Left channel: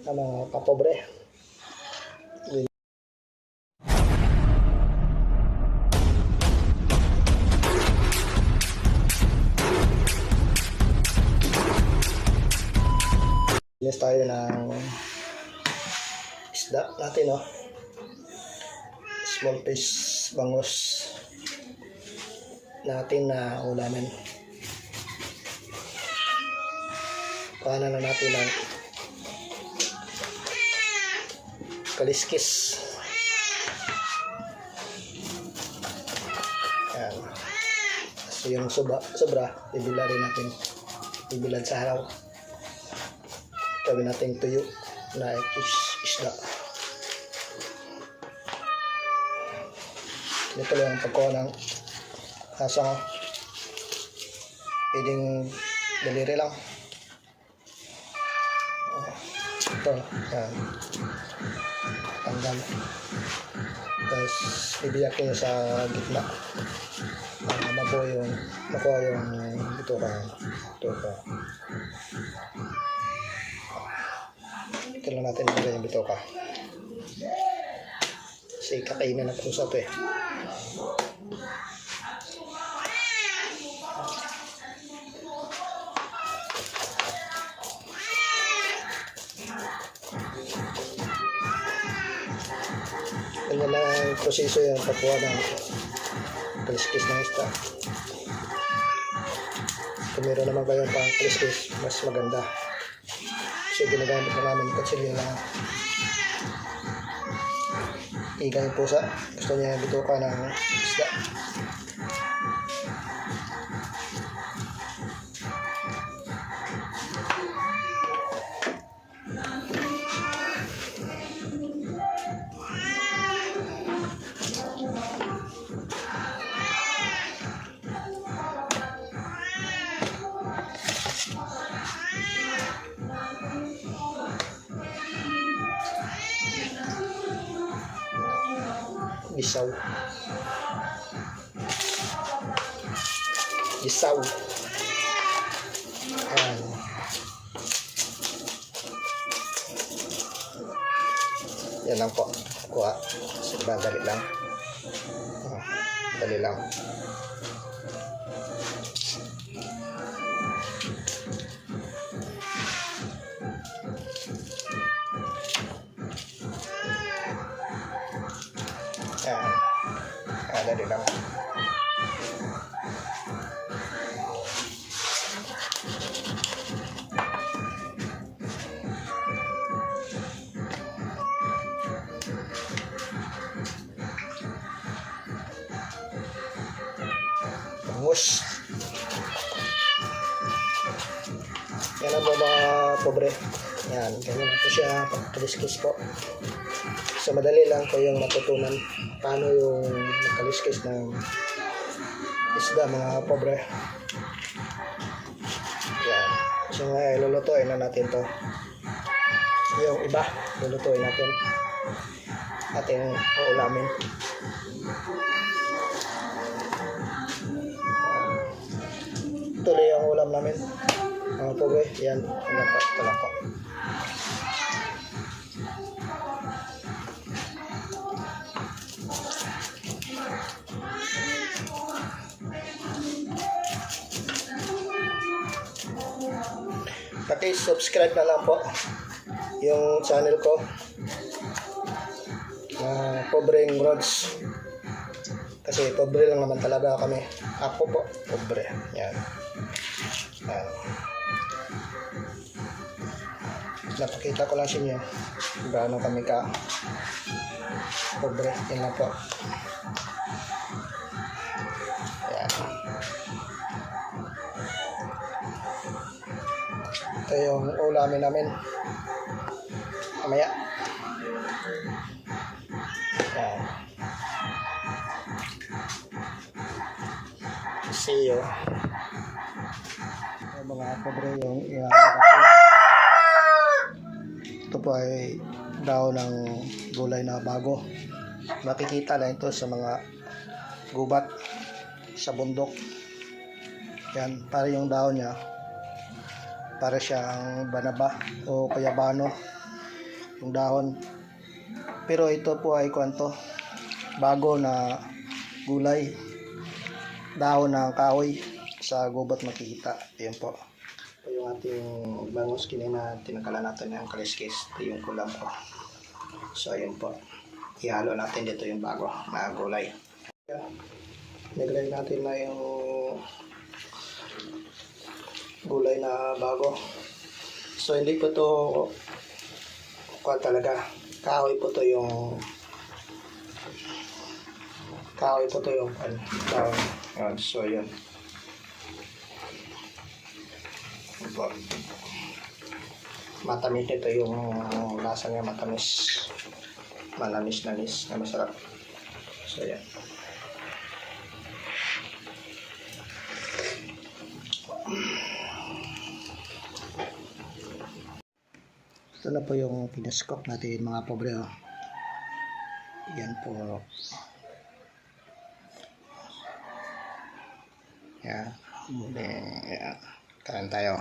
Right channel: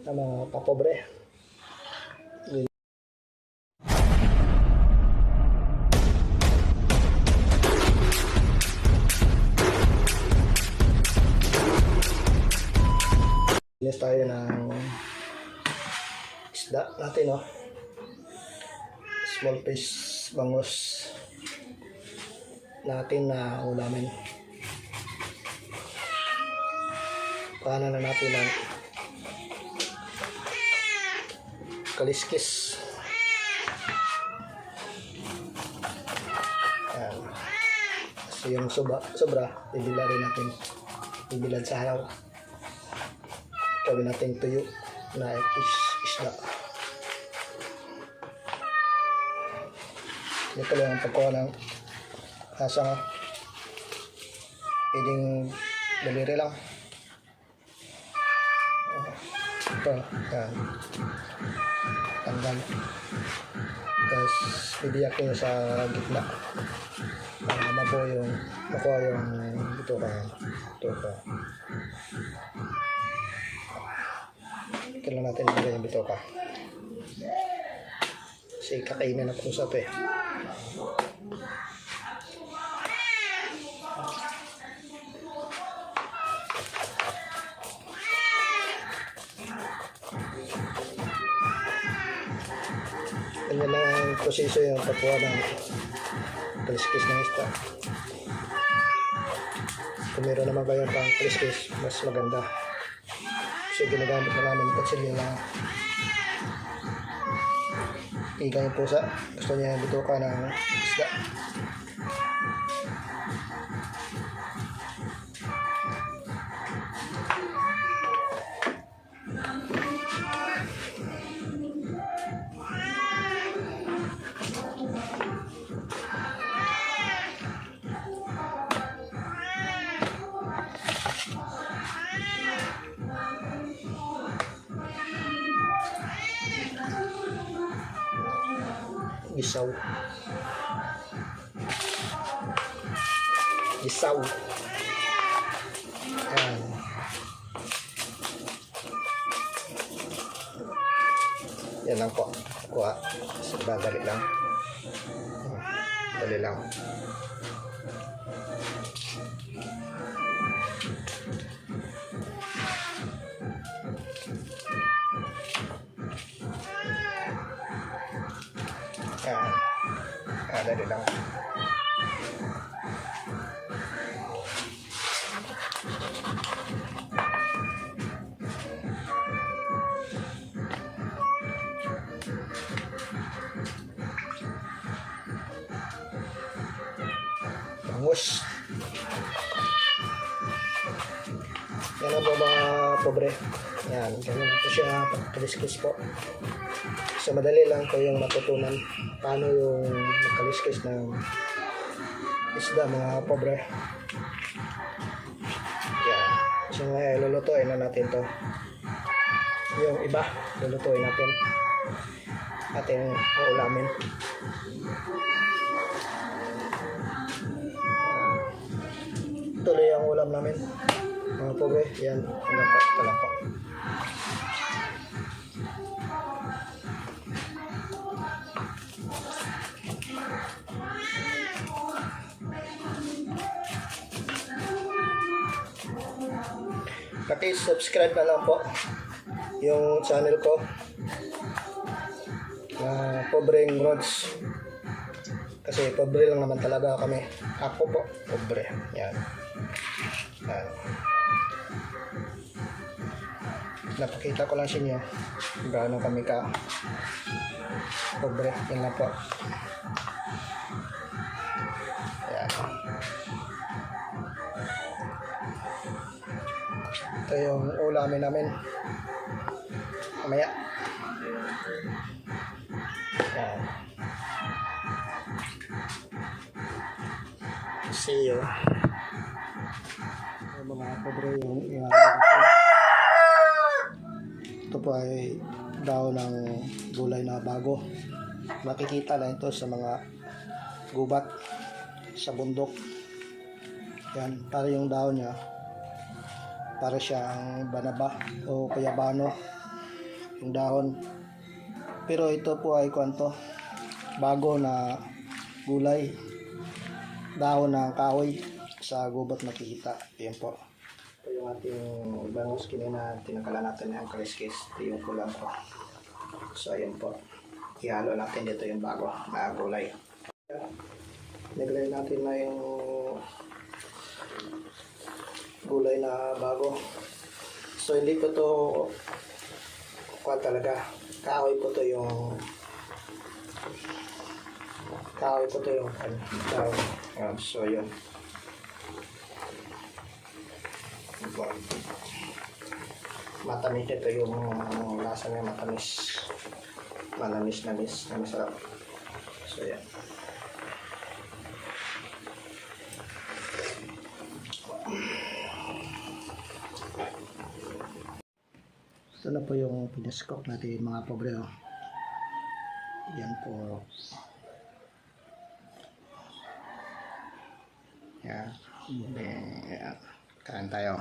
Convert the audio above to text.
ng mga kapobre. Linis tayo ng isda natin, no? Small fish bangus natin na ulamin. Paano na natin ang kaliskis. Ayan. So yung sobra bibila rin natin, bibilad sa haraw. Gawin natin tuyo na isda. Ito lang ang pagkuha ng hasa. Pwedeng daliri lang. Ito, yan. Tanggal. Tapos bibiyak nyo sa gitna. Makuha yung ito ka. Ito lang natin ilagay yung bitoka. Kasi kakainin na usap eh. Ganyan lang ang proseso yung pagkuha ng kaliskis ng isda. Kung meron naman kayo pang kaliskis, mas maganda. Kasi ginagamit na namin kutsilyo lang. Iga yung pusa. Gusto niya yung bituka ng isda. Gisaw. Ayan. Yan lang po. Kuha. Dali lang. Dali lang. Ayan. Dali lang. Bangus. Yan ang po mga pobre. Yan, ganyan po siya pagkaliskis po. So madali lang ko yung matutunan paano yung magkaliskis ng isda mga pobre. Yan. So ngayon lulutuin na natin to. Yung iba lulutuin natin. Ating uulamin. Tuloy ang ulam namin mga pobre. Yan, ito lang po. Paki-subscribe na lang po yung channel ko na Pobreng Rods. Kasi pobre lang naman talaga kami. Ako po, pobre. Yan. Yan. Napakita ko lang sa inyo gaano kami ka pobre. Yan lang po. Yan. Ito yung ulamin namin. Mamaya. Yan. See you. Mga pobre yung ito po ay daw ng gulay na bago. Makikita lang ito sa mga gubat sa bundok. Yan, para yung daon niya para siyang banaba o kayabano. yung dahon. Pero ito po ay kwanto, bago na gulay, dahon ng kahoy sa gubat makikita. Ayan po. Ito yung ating bangus kinina, tinanggalan natin ng kaliskis. Ito yung kulam po. So ayan po, ihalo natin dito yung bago na gulay. Naglagay natin na yung gulay na bago. So hindi ko to talaga, kahoy po to yung dahon. So yun. Matamis nito yung lasa niya, matamis, manamis-namis na masarap. So yan. Ito na po yung pinaskok natin mga pobre. Yan po. Yan. Yan. Kain tayo.